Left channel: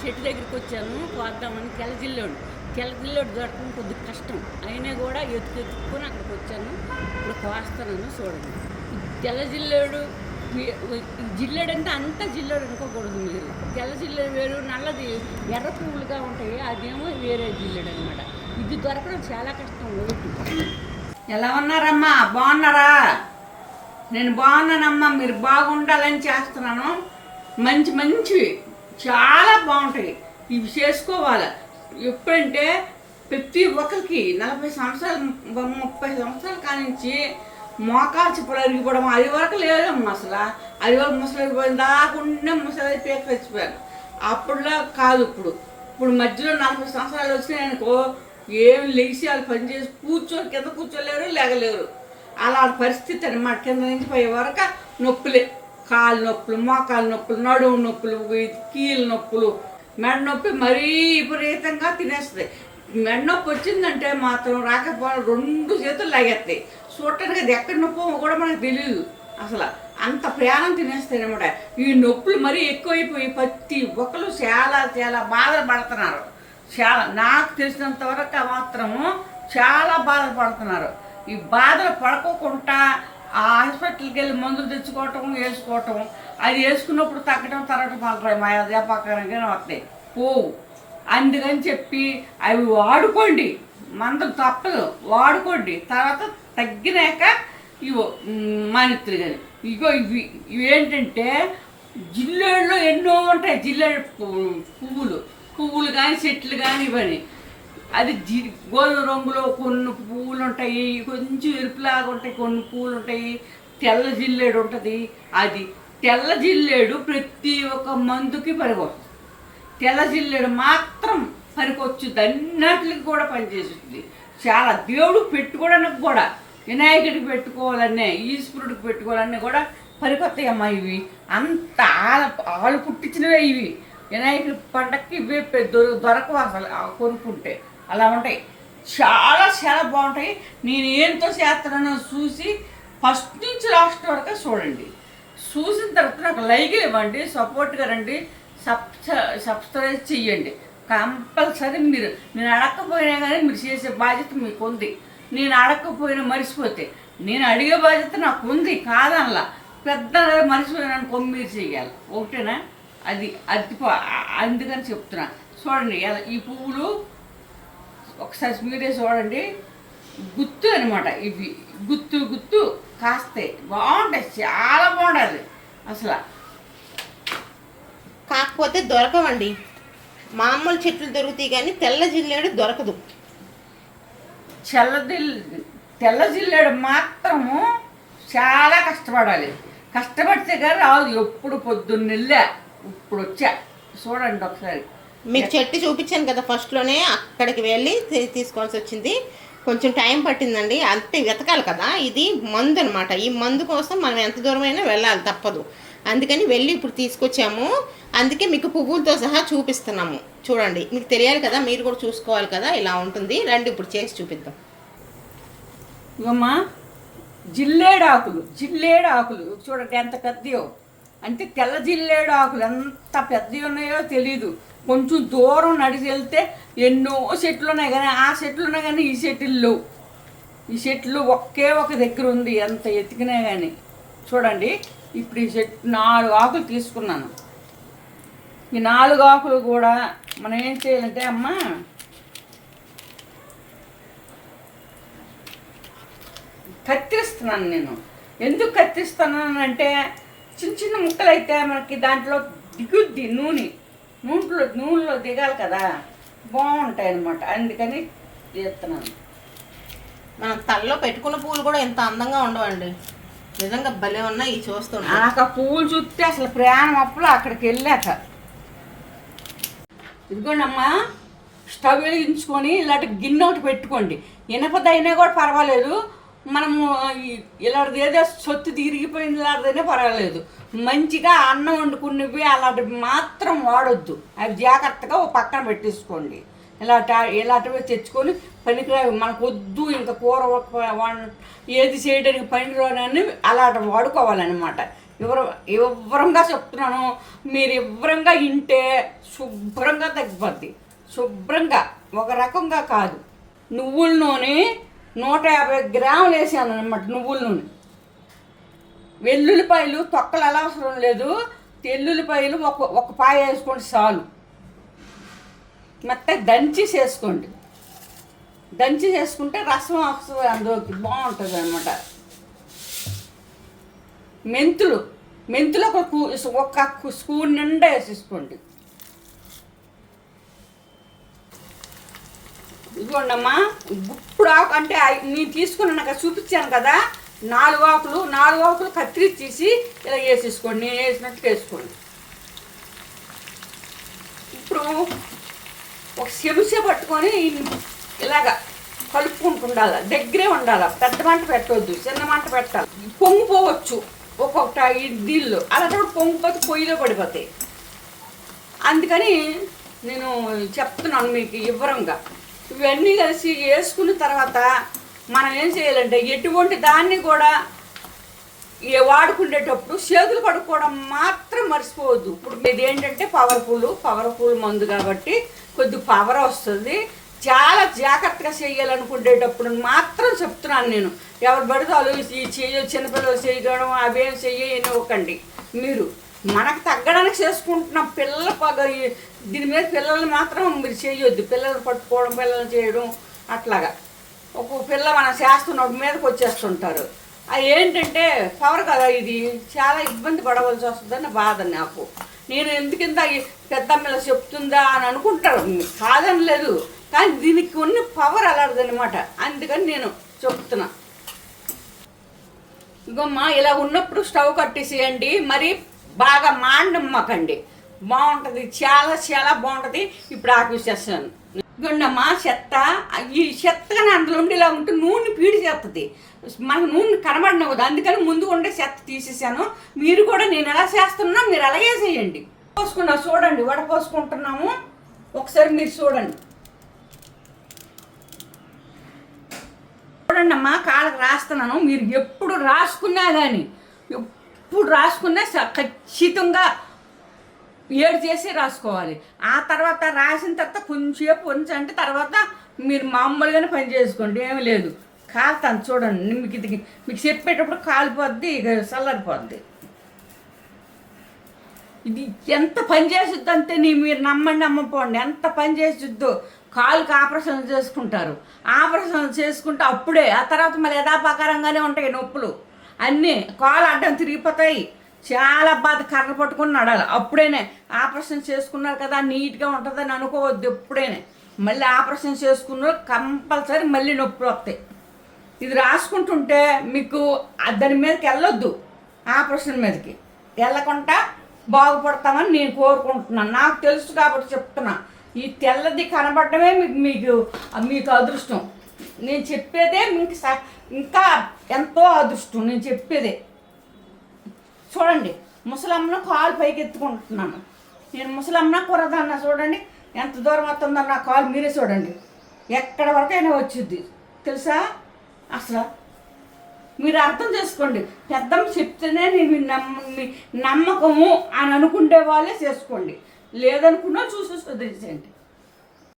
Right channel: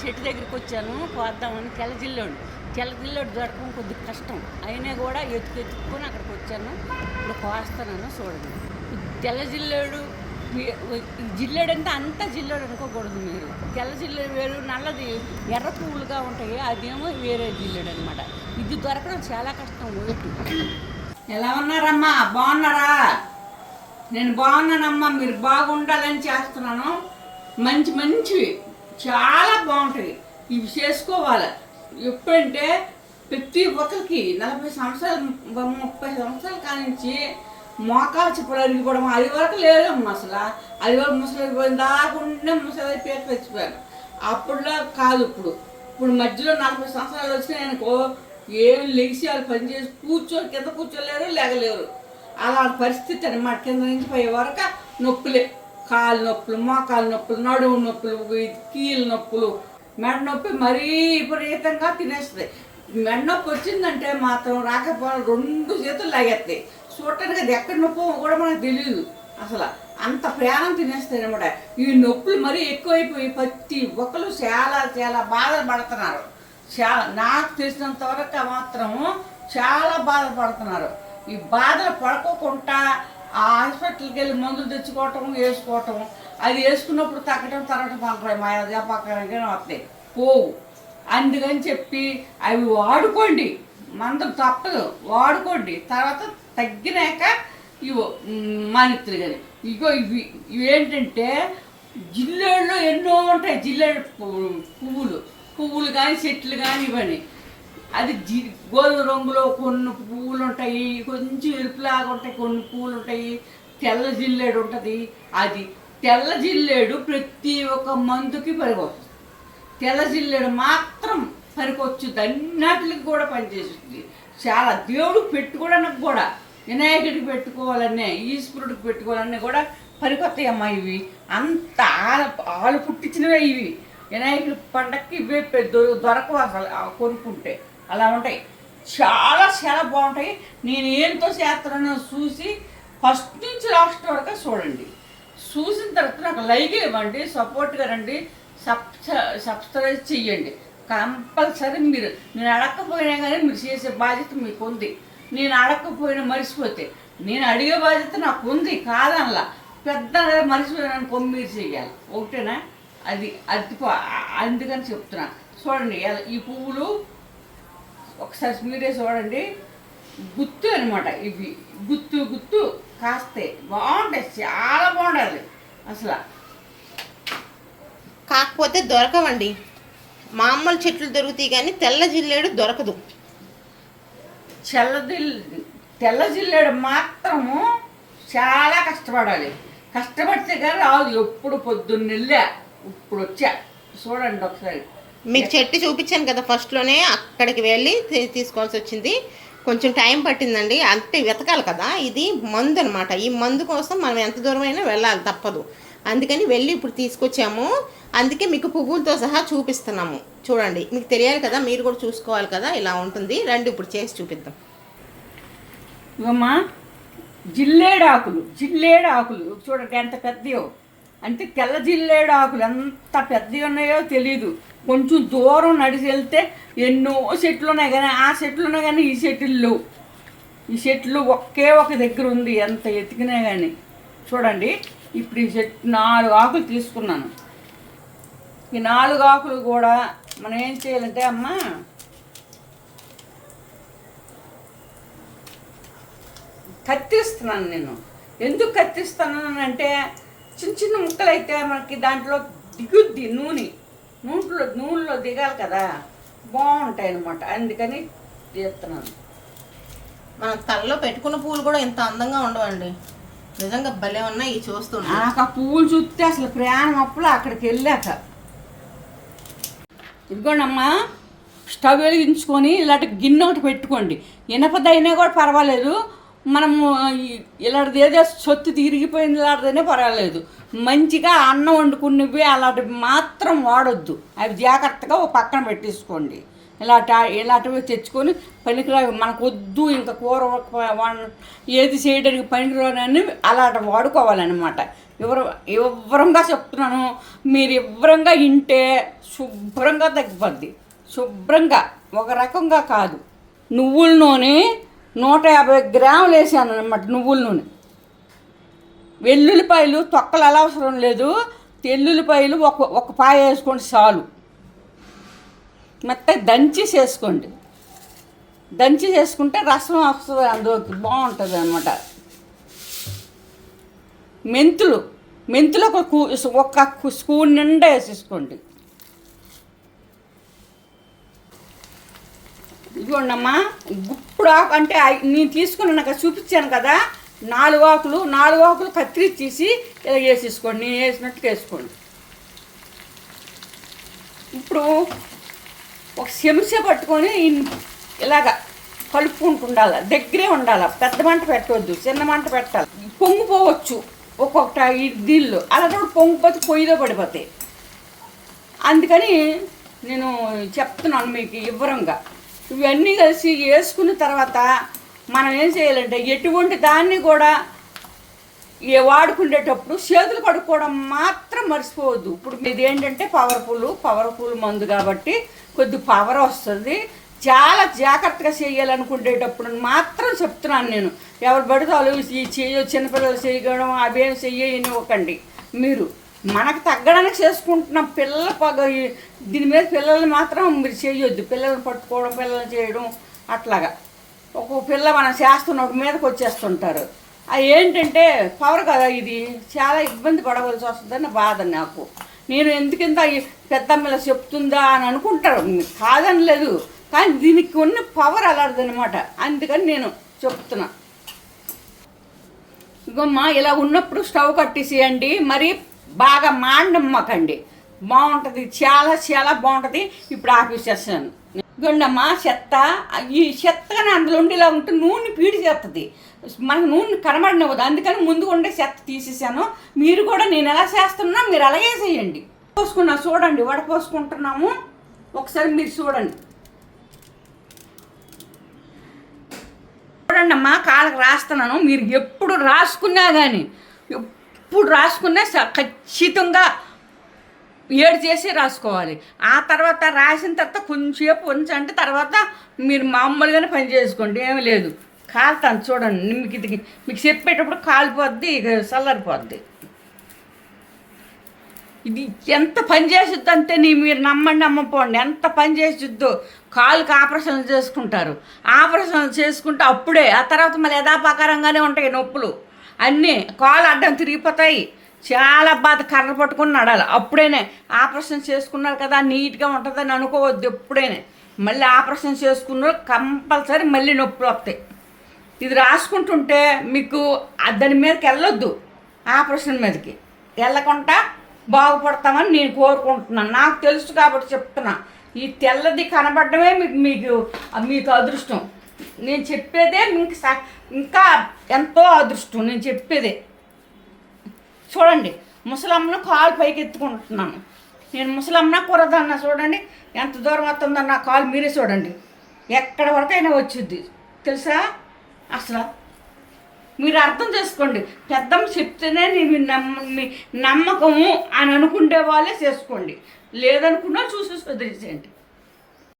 చెట్టు దగ్గరికి వచ్చాను కోద్దామని తెల్లజిల్లోడు. తెల్లజిల్లోడు దొరకడం కొద్దిగా కష్టం. అయినా కూడా ఎత్తుకు ఎత్తుక్కొని అక్కడికి వచ్చాను. ఇప్పుడు కోస్తానని చూడండి. తెల్ల జిల్లేడు జిల్లేడు అంటే అంతా జిల్లేడు అనుకోకూడదు మీరు తెల్ల జిల్లేడు వేరు నల్లది ఎర్ర పువ్వులుగా ఉంటాయి. అదేమో వేరే జిల్లేడు అనమాట ఇది దొరకడం చాలా కష్టం ఊరికి. ఎలా ఉన్నారమ్మా? బాగున్నారా? నేను బాగున్నానమ్మా. మీరు బాగుండాలని చేస్తున్నాను. మంచి మంచివి చాలా బాగుంటాయి. ఇవి చేసుకోవాలి. ఎప్పుడంటే ప్రతి ఒక్కరికి నలభై సంవత్సరాలు ముప్పై సంవత్సరాల కానించి మోకాలు చెప్పులు అరిగిపోవడం అది వరకు లేదమ్మా అసలు అది వరకు ముసలి అయిపోయింది ముసలి పేరు చచ్చిపోయారు అప్పుడులా కాదు ఇప్పుడు. ఇప్పుడు మధ్యలో నలభై సంవత్సరాలు వచ్చినాయి అనుకో ఏం లెగిసి వాళ్ళు పని చేసి కూర్చో కింద కూర్చోలేరు లేగలేరు. అలా పరిస్థితి అనమాట కింద నుంచి పోయే వరకు నొప్పులే. కాలు నొప్పులు మోకాలు నొప్పులు నడుము నొప్పులు కీలు కీళ్ళ నొప్పులు మెడ నొప్పి మరీ విపరీతంగా తినేస్తుంది. మెడ నొప్పి వచ్చిందంటే మాత్రం రాకపోవడం రెండు చేతులు లాగేస్తాయి చూడటానికి అది ఎక్కడ నొప్పో కూడా మనకు తెలియదు అసలు. అంత ప్రయాణం తినేస్తాయి అనమాట ఈ నొప్పులు మరీ ఎక్కువైపోయి ప్రతి ఒక్కరు చాలా చాలా బాధలు పడుతున్నారు చాలా నాకు తెలిసినంత వరకు మాత్రము చాలా బాధపడుతున్నారు. ఈ బాధలు పడుకోకుండా ఆ హాస్పిటల్కి వెళ్ళి మందులు తెచ్చుకోవటం వేసుకోవటం. అది వేసుకున్నప్పుడు తగ్గటం తరగటం పలకడం మా వ్యాపారంగా వస్తాయి. పోవు. అందుకని చెప్పి అవి వాడుకోండి. మందులు తప్పదు. వాడుకోండి. తర్వాత తగ్గినాక ఇవో మానిత్రి కానీ ఇగో ఇవి. ఇవేంటంటే జిల్లేళ్ళు ఎన్నో ఉంటాయి. జిల్లేడు పువ్వు- పువ్వులు. పువ్వులు కానీ చెట్లు కానీ ఇవన్నీ. అది జి గోధుమ రంగులో కొన్ని పువ్వులు ఉంటాయి కొంచెం ఎరుపులాగా ఉంటాయి కొన్ని పువ్వులు ఉంటాయి తెల్ల జిల్లేడు ఉంటుంది. అది తెల్ల జిల్లేడు ప్రతి ఒక్క మందుకి పనికొస్తుంది. తెల్ల జిల్లేడు మాత్రం పనికొచ్చుద్ది అన్నిటికి కూడా పనిచేస్తుంది. చాలా దేవుడు పెట్టుకోవడానికి కూడా వినాయకుడికి పెట్టుకోవాలనే ఈశ్వరుడికి పెట్టుకోవాలన్నీ కూడా పనికొస్తాయి అమ్మా ఇవి. అంత ఆల ఆలు పుట్టించినవే ఇవి. వినాయకుడి పండక్కి ఇవే దొరకవు అసలు కొనుక్కుంటే. అలా ఉంటాయి. చాలా చాలా బాగుంటాయి. నేను ఏంతో చేస్తున్నానో చూసి ఫస్ట్ నుంచి లాస్ట్ వరకు చూడండి. చూసిన తర్వాత నాకు లైక్ ఇవ్వండి సపోర్ట్గా రండి సబ్ సబ్స్క్రైబ్ చెయ్యండి. కంపల్సరీ మీరు నేను అడగకపోయినా కానీ మీరు చేసే బాధ్యత మీకు ఉంది నేను అడగకపోయినా మర్చిపోతే నేను అడిగే బాధ్యత నాకు ఉంది కాదనలా పెద్ద మర్చిపోయినాను మీరు చేయాలి ఒకటేనా అది అది అందుకని చెప్తున్నా. చూడండి ఈ పువ్వులు ఒకసారి మీరే చూడండి. గుత్తు అనమాట ఇవి. గుత్తు గుత్తు కాస్తాయి బాగుంటాయి. చాలా బాగుంటుంది అసలు. కాకపోతే దొరకవండి. మామూలు చెట్లు దొరుకుతాయి కానీ తెల్ల జిల్లేడు దొరకదు. చల్లదిల్ తెల్ల జిల్లేడు మాత్రము చాలా కష్టపడాలి. కష్టపడితే కానీ రాదు. ఎప్పుడు పొద్దున్న వెళ్ళా ఇప్పుడు వచ్చా. చూడండి ఒకసారి. మీకు చెట్టు చూపించాను కదా ఫస్ట్లోనే అక్కడికి వెళ్ళి తీసుకోవాల్సి వచ్చింది. కొంచెం టైం పట్టిందండి. అంటే వెతకాలి కదా ఇది మందు అనమాట ఈ మందు కోసం మనం ఎంత దూరమైనా వెళ్ళాలి తప్పదు. అందుకని వెళ్ళి ఇప్పుడు తీసుకొచ్చాము. అందుకే మీకు పువ్వులతో సహా చూపిస్తున్నాము. చూడండి మీకు తెలియాలి కదా మీరు కూడా చూసుకోవాలి కదా ఇలా ఉంటుంది. రండి ఇప్పుడు చేసి చూపిద్దాం. ఇవమ్మా జిల్లేడు ఆకులు జిల్లేడు ఆకులు చూడండి ఎంత పెద్దయో. అంటే తెల్ల జిల్లేడు ఆకులు ఎంత పెద్దవి ఉన్నాయో తెలియదు కొంచెం దూరం నడిచి వెళ్తే ఎన్నో చెట్లు ఉన్నాయి కానీ ఆ చెట్లు ఉన్నాయి కానీ ఈ చెట్లు లేవు. ఈ చెట్లు ఒకే ఒక దగ్గర ఉంది ఎంత ఎతికినా కానీ చూడండి ఇప్పుడు ఈ చెట్టు నాలుగు ఆకులు తీసుకున్నాను. ఈ నాలుగు ఆకులు కూడా మనం ఏం చేయాలంటే అమ్మా కత్తిరిస్తున్నాను నేను. ఎందుకు కత్తిస్తున్నాను అంటే చిన్న చిన్న ముక్కలు అయితే మనకి దాంట్లో దిగుద్ది నూనె. నూనెలో నూనెలో దిగాలి కదా. బాగుంటాయి అనమాట అందుకని తీస్తున్నాను. మనం తలలో పెట్టుకున్న పువ్వులు కూడా ఎంత అందంగా ఉండవండి. నిజంగా భలే ఉన్నాయి ఈ చూస్తుంటే. నాకు ఆ పువ్వులు చూస్తే అసలు ప్రయాణం అప్పుడు అక్కడికి వెళ్ళాక. ఇదిగోండమ్మా స్టవ్ వెలిగించుకొని ఇలాంటి గిన్నె ఒకటి పెట్టుకోండి. ఇనపదైనా కూడా పర్వాలేదు. మనము ఇలాంటిది ఏదో సొత్తు తిరిగిపోయింది ఇలాంటిదైనా పర్వాలేదు. మంచిగా అన్నం వండుకున్నవి అలాంటివి మాత్రం వాడొద్దు. అవి జాగ్రత్తగా ఒక పక్కన పెట్టేసుకోండి. ఇలాంటి ఇలాంటివి తెచ్చుకొని పనికిరావి. మనకు వద్దు ఇంకా కూర ఏది చేయడానికి పనికిరాని అలాంటి వాడుకోవాలన్నమాట. వివర వివరంగా చెప్తున్నాను. మీరు వివరంగా ఇంటే శుభ్రంగా తగ్గిపోద్ది. శుభ్రంగా ఒక రకంగా కాదు. నువ్వుల నూనె నూట యాభై గ్రాములు వేసాను అనమాట నువ్వుల నూనె. వెల్లుల్లిపాయలు తొక్కలు అలా అవసరం లేదు. తెల్లుల్లిపాయలు ఒక ఒక పాయ వేసుకోండి చాలు. మెత్త దంచి చేసుకోండి. దంచి చేసుకుంటే రసం వస్తుంది అందులోకి బాగుంటుంది అనమాట మెంతులు మెంతులు ఒక కూ- ఒక కు- స్పూన్ నిండా వేసేసుకోండి. ఇదిగోండమ్మా గుప్పుడు ఆకు అంటే నేను తీసుకుని నాకు చూపించాను కదా నాలుగు ఆకులు నాలుగు ఆకులు కత్తిరించేసి ఇలా వేసేసుకోండి నేను వేసినట్టు వేసుకోండి. ఇప్పుడు ఒక చెంచా పట్టుకొని ఇలాగా కలుపుకుంటూ ఉండాలి దగ్గరే ఉండాలి పెద్ద మంట పెట్టవద్దు చిన్న మంట పెట్టాలి. పొంగిపోవచ్చు ఒక్కొక్కటి ఈ నీళ్ళు అలా కూడా పొంగిపోతే పొయ్యిలో పడిపోతాయి. అందుకని నేను చెప్తున్నాను మీకు వివరంగా. ఇవన్నీ కలిసి వేసుకున్న తర్వాత మనం ఏం చేయాలంటే ఎటువంటి దాన్ని కూడా ఏ వాడుకునేటప్పుడు చేతులు కడుక్కోవడం మాత్రం మర్చిపోవద్దు. ఇప్పుడు మీది ఏంటంటే పవర్ఫుల్ పవర్ఫుల్ మందు కాబట్టి కొద్ది పవర్ వస్తుంది. చాలా జాగ్రత్తగా చేయాలనుకునేటప్పుడు మాత్రం చెప్తున్నాను నేను. ఎవరు పడితే వాళ్ళు ఈ చెయ్య చిన్నపిల్లలు చేయడం అవేం చెయ్యనివ్వకండి మీరు మనకు తగ్గడానికి చేసుకుంటున్నాం పిల్లల పగ దీని మీద పిల్లల్ని మాత్రం మీరు చేయొద్దు. పిల్లల్ని పట్టుకోవడం పిల్లల్ని చేయడం అట్లాగా. ఒక్కొక్క పిల్ల మనం ఒక మీదకి వచ్చేస్తుంటారు. అది ఏంటంటే పవర్ కదా ఇది. చాలా ఇబ్బంది పడవలసి వస్తుందని బాధ నాకు. నేను ఎందుకింత ఈ పెద్దమ్మల చెప్తుందా అని అనుకుంటారు. కాదని లేదు కానీ దీనికి ఉన్న పవర్ అలాంటిదన్నమాట అందుకని నేను చెప్తున్నా. ఇగమ్మా ఇలా ఉన్నప్పుడు స్టవ్ కట్టేసేయండి. మరి బాగా మాండమ్మకండి బాగుంటుంది చాలా చాలా బాగుంటుంది. ఇప్పుడు ఆపిస్తాను గుండమ్మ చెత్త ఈ చెత్తగా అందులో ఉండేలా ఉంటే నూనె పీడి చేస్తుంది మనకు నూనె కనబడినవ్వదు. అందుకని ముందు ఉండే చెత్త తీసేసాను. మీరు కూడా నేను ఎలా చేస్తున్నా మీరు అలాగే చేయండి. పోసుకున్నా చూడండి వడ పోసుకుంటున్నాము. ఒకసారి మీరు చూడండి. చూడండి అమ్మా కాళ్ళకి రాస్తున్నాను. మీరు ఎప్పుడు రాసుకున్నా కానీ ఎప్పుడు రాసుకున్నా స- ఖచ్చితంగా ఏడు చేసి రాసుకోవాలి. ఆ తర్వాత రాసిన తర్వాత కొంచెంసేపు ఉంచంటే తర్వాత మీరు మామూలుగానే పని చేసుకోండి ఏమీ లేదు. కాలుతాను చూడండి మీకు ఇది మీకు చెప్పేటప్పుడు కాలిపోద్ది ఇక చల్లారిపోద్ది ఇది ఎంత పని చేసిద్దు అంటే నీ మీరు నమ్మండి నమ్మపోండి. ఎంత పని చేసిద్దో కాలుకి ఆపరేషన్లు చేసుకుంటారు. ఆపరేషన్లు చేసుకుంటే అప్పుడే ఆ తర్వాత మళ్ళీ యథాపకారంగానే ఉంటాయి నొప్పులు. అన్నీ కాలు అడ్డం తిరిగిపోతాయి. చాలా బాధ కర్ర పట్టుకుని నడాలి అప్పుడేనే ఆపరేషన్ చేసుకున్నారు కదా నీట్గా ఉంటుందని అనుకోవద్దు ఎప్పుడైనా. మళ్ళీ ఆపరేషన్ చేసుకున్న కంపల్సరీ మళ్ళీ నొప్పులు వస్తాయి. ఇది రాసుకుంటుంటే మీకు దాని మీదకి వెళ్ళొద్దు ఆపరేషన్ మీదకి. వెళ్ళకుండా బాగుపడతామని నేను కోరుకుంటున్నాను. నాకు తెలుసు కాబట్టి చెప్తున్నా. ఈ తెల్లది కనబడటమే మీకు మీకు మీకు అదృష్టం. నేను చెప్పేదే మీకు స- ఇంకా ఎంతో అదృష్టం నేను చెప్పేదే. చూడండి ముసలమ్మను కాలు పైకి ఎత్తుకుంటున్నాను. నేను ముసలమ్మ కూరదన్న చూడండి ఎంత దూరం వస్తుందో నా కాలు మీరే చూడండి. ఎక్కడ వరకైనా వచ్చింది తెలుసా? అసలు. మీరు అర్థం చేసుకోండి పెద్దమ్మ చెప్తేనే నేను నమ్మ మీ నమ్మకము అని అనుకుంటే వాళ్ళే చేసుకోండి. లేదనుకున్నా చూసి వదిలేసేయండి.